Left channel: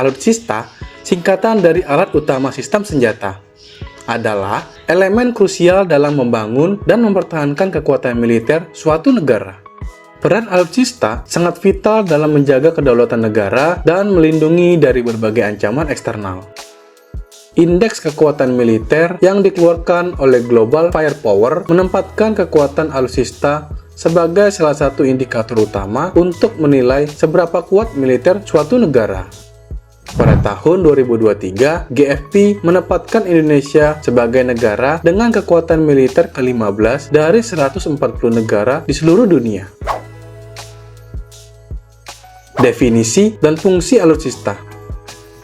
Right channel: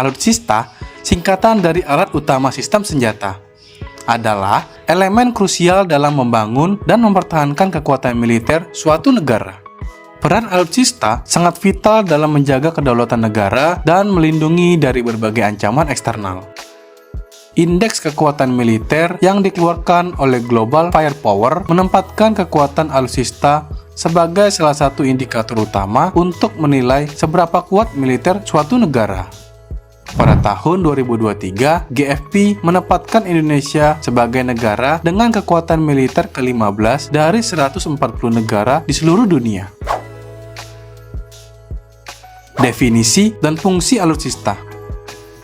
Alutsista, singkatan dari alat utama sistem senjata, adalah elemen krusial dalam membangun dan mempertahankan kekuatan militer suatu negara. Peran alutsista sangat vital dalam menjaga kedaulatan negara dan melindungi dari berbagai ancaman eksternal. Indeks kekuatan militer yang dikeluarkan oleh Global Firepower menempatkan kekuatan alutsista sebagai salah satu indikator utama untuk menilai seberapa kuat militer suatu negara. Pada tahun 2023, GFP menempatkan Indonesia sebagai negara dengan kekuatan militer ke-15 dari 140 negara di seluruh dunia. Definisi dan fungsi alutsista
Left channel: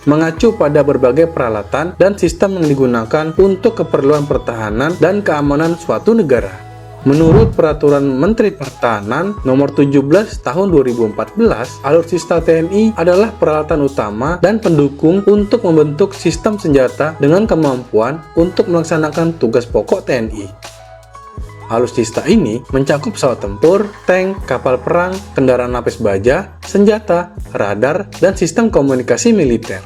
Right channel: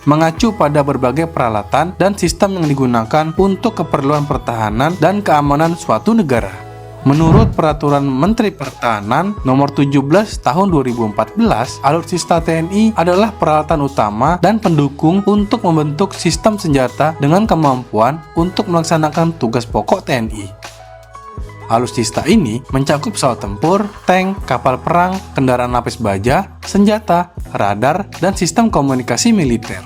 mengacu pada berbagai peralatan dan sistem yang digunakan untuk keperluan pertahanan dan keamanan suatu negara. Menurut Peraturan Menteri Pertahanan Nomor 17 Tahun 2014, alutsista TNI adalah peralatan utama dan pendukung untuk membentuk sistem senjata dengan kemampuan untuk melaksanakan tugas pokok TNI. Alutsista ini mencakup pesawat tempur, tank, kapal perang, kendaraan lapis baja, senjata, radar, dan sistem komunikasi militer.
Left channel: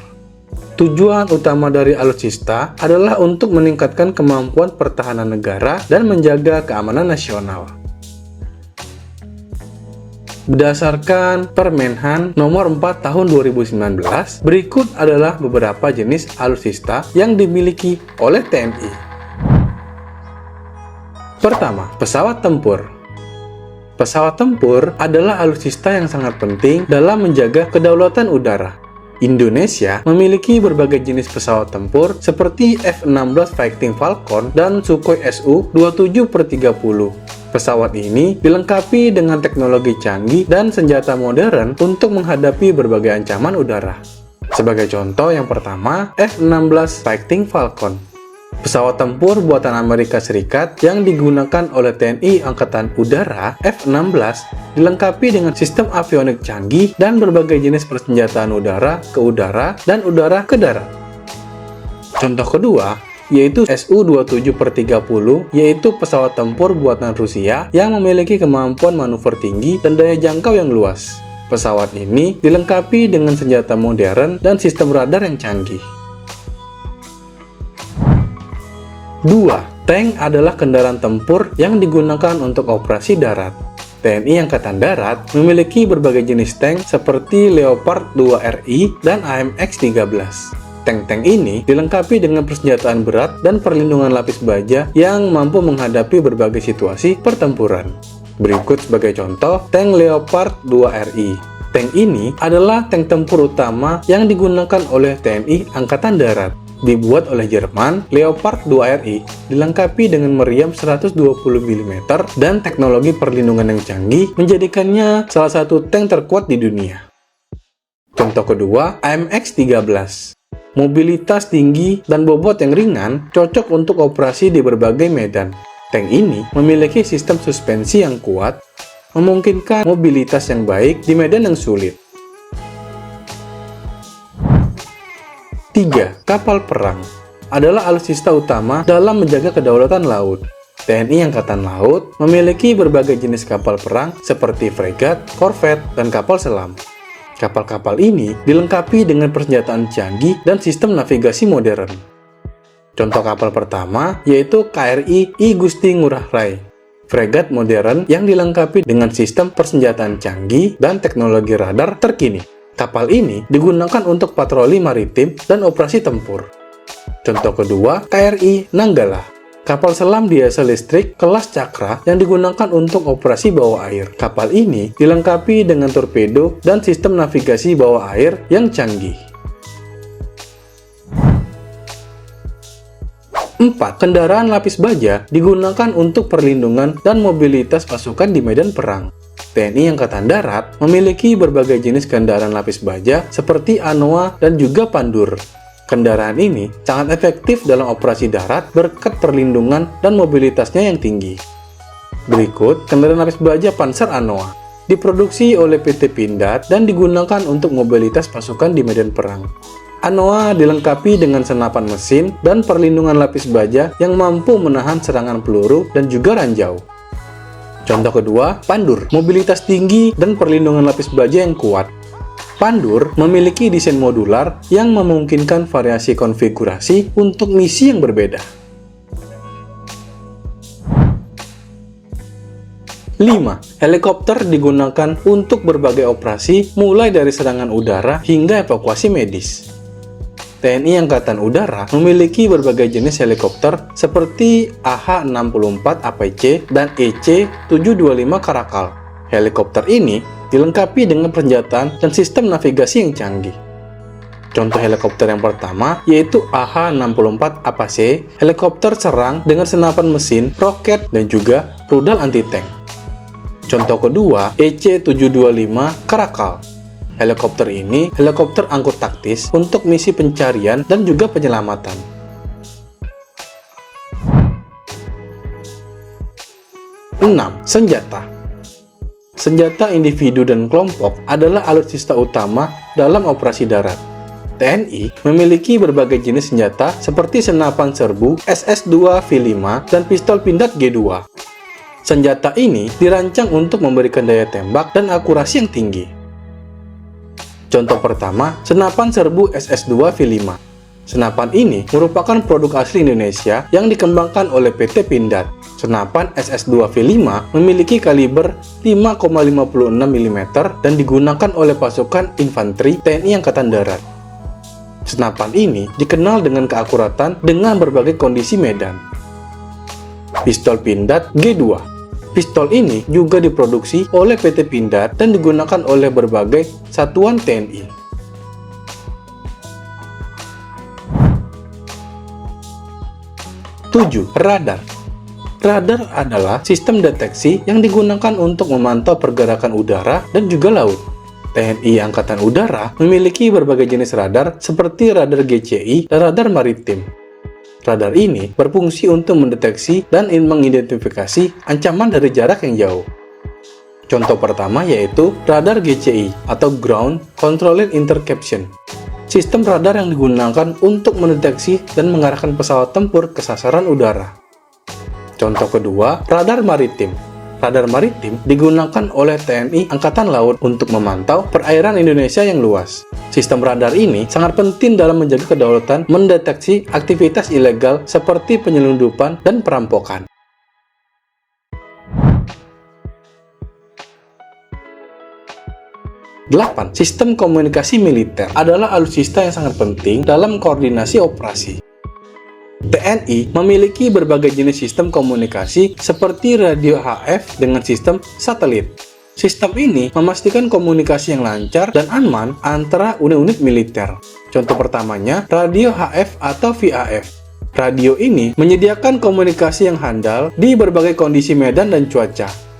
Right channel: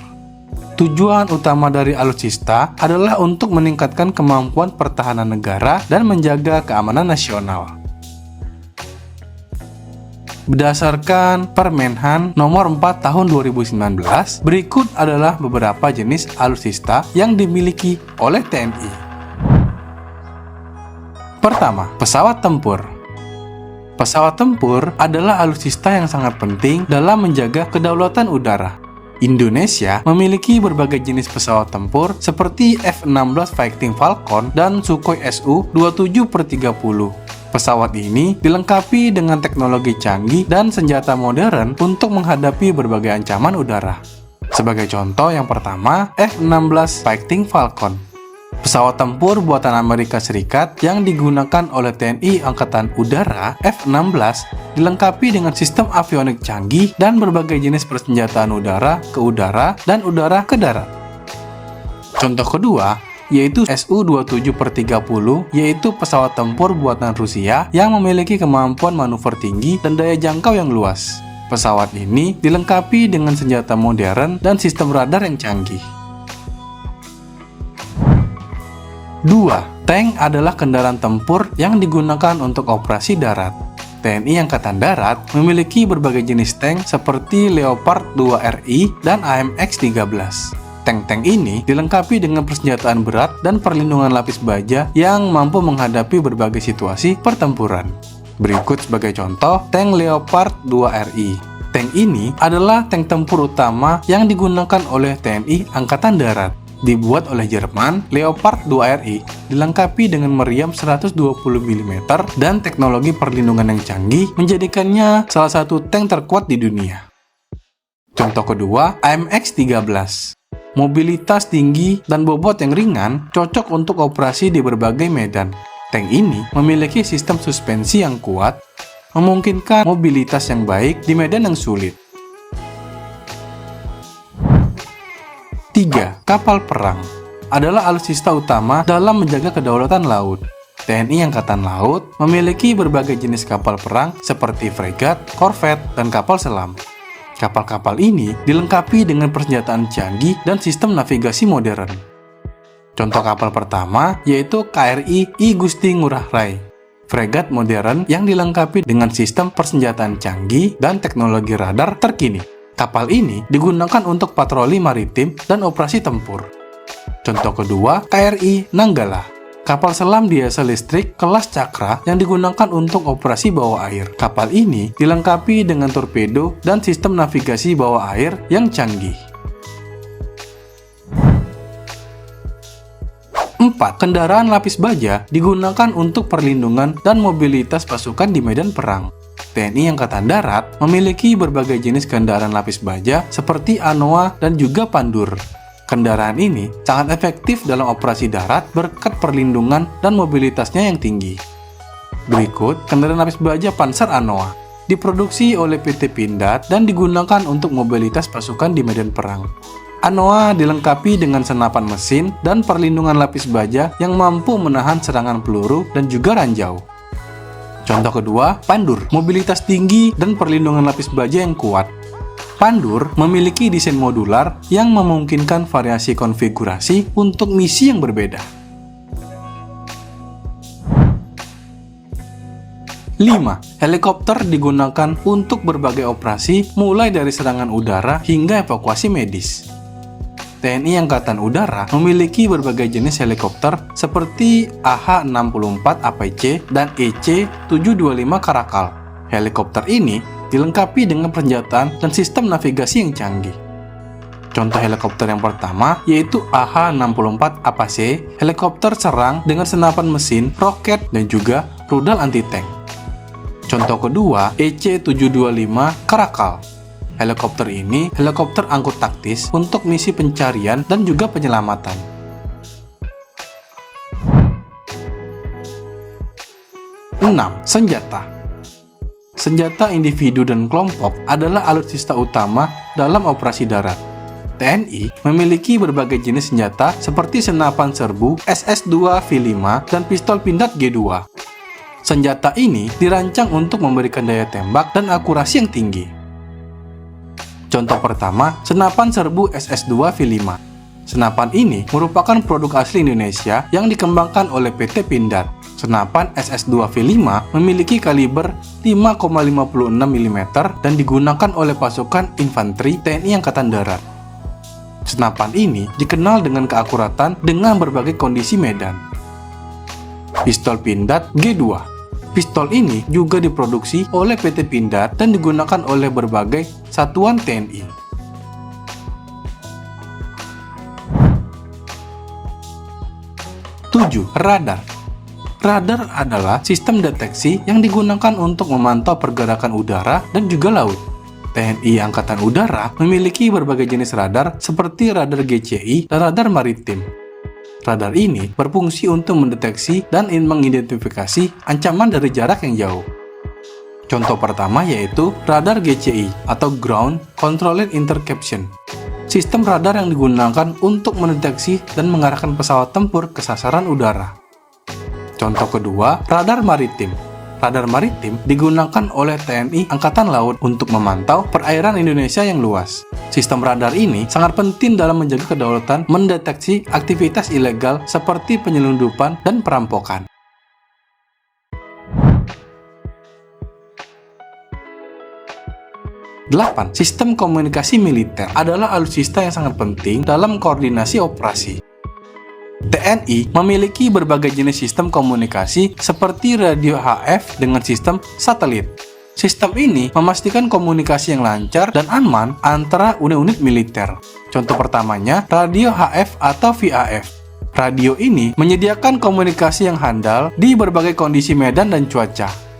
Tujuan utama dari alutsista adalah untuk meningkatkan kemampuan pertahanan negara dan menjaga keamanan nasional. Berdasarkan Permenhan Nomor 4 Tahun 2019, berikut adalah beberapa jenis alutsista yang dimiliki oleh TNI. Pertama, pesawat tempur. Pesawat tempur adalah alutsista yang sangat penting dalam menjaga kedaulatan udara. Indonesia memiliki berbagai jenis pesawat tempur seperti F-16 Fighting Falcon dan Sukhoi Su-27/30. Pesawat ini dilengkapi dengan teknologi canggih dan senjata modern untuk menghadapi berbagai ancaman udara. Sebagai contoh yang pertama, F-16 Fighting Falcon. Pesawat tempur buatan Amerika Serikat yang digunakan oleh TNI Angkatan Udara F-16 dilengkapi dengan sistem avionik canggih dan berbagai jenis persenjataan udara ke udara dan udara ke darat. Contoh kedua yaitu Su-27/30, yaitu pesawat tempur buatan Rusia yang memiliki kemampuan manuver tinggi dan daya jangkau yang luas. Pesawat ini dilengkapi dengan senjata modern dan sistem radar yang canggih. 2. Tank adalah kendaraan tempur yang digunakan untuk operasi darat. TNI Angkatan Darat memiliki berbagai jenis tank seperti Leopard 2 RI dan AMX-13. Tank-tank ini dilengkapi dengan persenjataan berat dan perlindungan lapis baja yang mampu menghadapi berbagai situasi pertempuran. Berikut sebagai contoh, tank Leopard 2 RI. Tank ini adalah tank tempur utama yang digunakan oleh TNI Angkatan Darat. Dibuat oleh Jerman, Leopard 2 RI dilengkapi dengan meriam 120 mm dan teknologi perlindungan yang canggih menjadikannya salah satu tank terkuat di dunia. Contoh kedua, AMX-13. Mobilitas tinggi dan bobot yang ringan cocok untuk operasi di berbagai medan. Tank ini memiliki sistem suspensi yang kuat, memungkinkan mobilitas yang baik di medan yang sulit. 3. Kapal perang adalah alutsista utama dalam menjaga kedaulatan laut. TNI Angkatan Laut memiliki berbagai jenis kapal perang seperti fregat, korvet, dan kapal selam. Kapal-kapal ini dilengkapi dengan persenjataan canggih dan sistem navigasi modern. Contoh kapal pertama yaitu KRI I Gusti Ngurah Rai, fregat modern yang dilengkapi dengan sistem persenjataan canggih dan teknologi radar terkini. Kapal ini digunakan untuk patroli maritim dan operasi tempur. Contoh kedua, KRI Nanggala, kapal selam diesel listrik kelas Cakra yang digunakan untuk operasi bawah air. Kapal ini dilengkapi dengan torpedo dan sistem navigasi bawah air yang canggih. 4. Kendaraan lapis baja digunakan untuk perlindungan dan mobilitas pasukan di medan perang. TNI Angkatan Darat memiliki berbagai jenis kendaraan lapis baja seperti Anoa dan juga Pandur. Kendaraan ini sangat efektif dalam operasi darat berkat perlindungan dan mobilitasnya yang tinggi. Berikut kendaraan lapis baja Panzer Anoa. Diproduksi oleh PT Pindad dan digunakan untuk mobilitas pasukan di medan perang. Anoa dilengkapi dengan senapan mesin dan perlindungan lapis baja yang mampu menahan serangan peluru dan juga ranjau. Contoh kedua, Pandur, mobilitas tinggi dan perlindungan lapis baja yang kuat. Pandur memiliki desain modular yang memungkinkan variasi konfigurasi untuk misi yang berbeda. 5. Helikopter digunakan untuk berbagai operasi mulai dari serangan udara hingga evakuasi medis. TNI Angkatan Udara memiliki berbagai jenis helikopter seperti AH-64 APC dan EC-725 Caracal. Helikopter ini dilengkapi dengan persenjataan dan sistem navigasi yang canggih. Contoh helikopter yang pertama yaitu AH-64 APC, helikopter serang dengan senapan mesin, roket, dan juga rudal anti-tank. Contoh kedua, EC-725 Caracal. Helikopter ini helikopter angkut taktis untuk misi pencarian dan juga penyelamatan. 6. Senjata. Senjata individu dan kelompok adalah alutsista utama dalam operasi darat. TNI memiliki berbagai jenis senjata seperti senapan serbu, SS-2 V5, dan pistol pindad G2. Senjata ini dirancang untuk memberikan daya tembak dan akurasi yang tinggi. Contoh pertama, senapan serbu SS-2 V5. Senapan ini merupakan produk asli Indonesia yang dikembangkan oleh PT Pindad. Senapan SS-2 V5 memiliki kaliber 5,56 mm dan digunakan oleh pasukan infanteri TNI Angkatan Darat. Senapan ini dikenal dengan keakuratan dengan berbagai kondisi medan. Pistol pindad G2. Pistol ini juga diproduksi oleh PT Pindad dan digunakan oleh berbagai satuan TNI. 7. Radar. Radar adalah sistem deteksi yang digunakan untuk memantau pergerakan udara dan juga laut. TNI Angkatan Udara memiliki berbagai jenis radar seperti radar GCI dan radar maritim. Radar ini berfungsi untuk mendeteksi dan mengidentifikasi ancaman dari jarak yang jauh. Contoh pertama yaitu radar GCI atau Ground Controlled Interception. Sistem radar yang digunakan untuk mendeteksi dan mengarahkan pesawat tempur ke sasaran udara. Contoh kedua, radar maritim. Radar maritim digunakan oleh TNI Angkatan Laut untuk memantau perairan Indonesia yang luas. Sistem radar ini sangat penting dalam menjaga kedaulatan mendeteksi aktivitas ilegal seperti penyelundupan dan perampokan. 8. Sistem komunikasi militer adalah alutsista yang sangat penting dalam koordinasi operasi. TNI memiliki berbagai jenis sistem komunikasi seperti radio HF dengan sistem satelit. Sistem ini memastikan komunikasi yang lancar dan aman antara unit-unit militer. Contoh pertamanya, radio HF atau VHF. Radio ini menyediakan komunikasi yang handal di berbagai kondisi medan dan cuaca.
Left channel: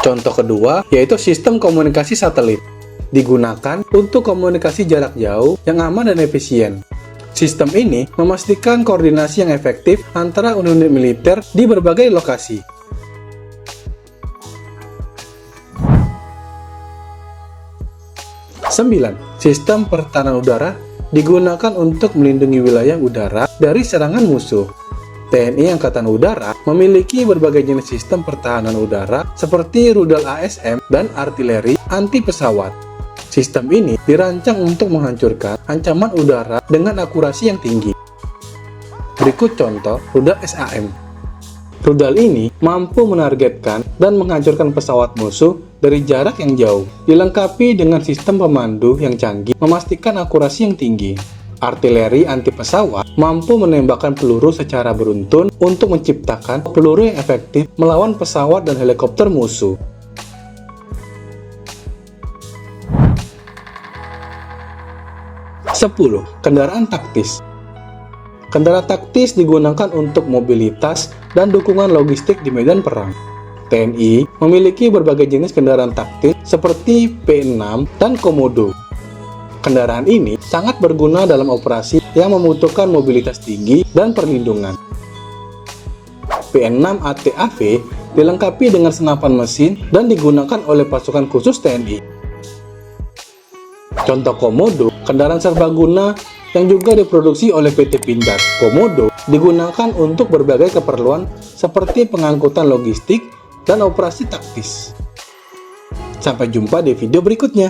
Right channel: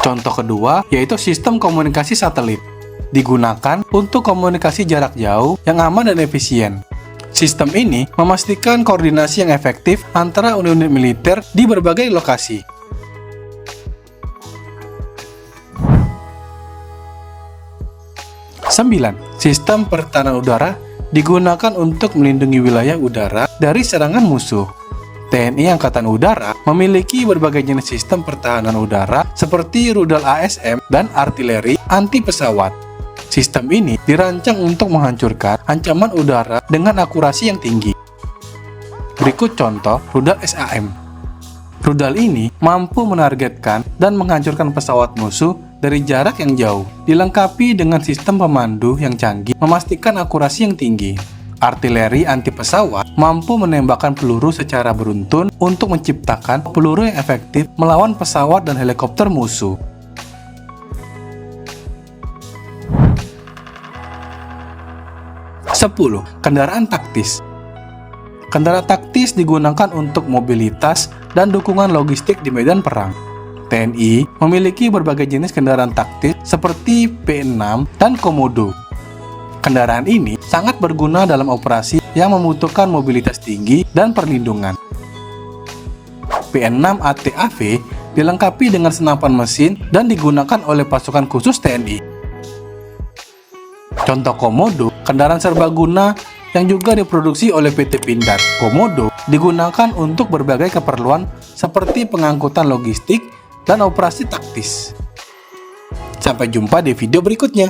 Contoh kedua yaitu sistem komunikasi satelit. Digunakan untuk komunikasi jarak jauh yang aman dan efisien. Sistem ini memastikan koordinasi yang efektif antara unit militer di berbagai lokasi. 9. Sistem pertahanan udara digunakan untuk melindungi wilayah udara dari serangan musuh. TNI Angkatan Udara memiliki berbagai jenis sistem pertahanan udara seperti rudal ASM dan artileri anti pesawat. Sistem ini dirancang untuk menghancurkan ancaman udara dengan akurasi yang tinggi. Berikut contoh rudal SAM. Rudal ini mampu menargetkan dan menghancurkan pesawat musuh dari jarak yang jauh, dilengkapi dengan sistem pemandu yang canggih, memastikan akurasi yang tinggi. Artileri anti pesawat mampu menembakkan peluru secara beruntun untuk menciptakan peluru yang efektif melawan pesawat dan helikopter musuh. 10. Kendaraan taktis. Kendaraan taktis digunakan untuk mobilitas dan dukungan logistik di medan perang. TNI memiliki berbagai jenis kendaraan taktis seperti P6 dan Komodo. Kendaraan ini sangat berguna dalam operasi yang membutuhkan mobilitas tinggi dan perlindungan. P6 ATAV dilengkapi dengan senapan mesin dan digunakan oleh pasukan khusus TNI. Contoh Komodo, kendaraan serbaguna yang juga diproduksi oleh PT Pindad. Komodo digunakan untuk berbagai keperluan seperti pengangkutan logistik dan operasi taktis. Sampai jumpa di video berikutnya.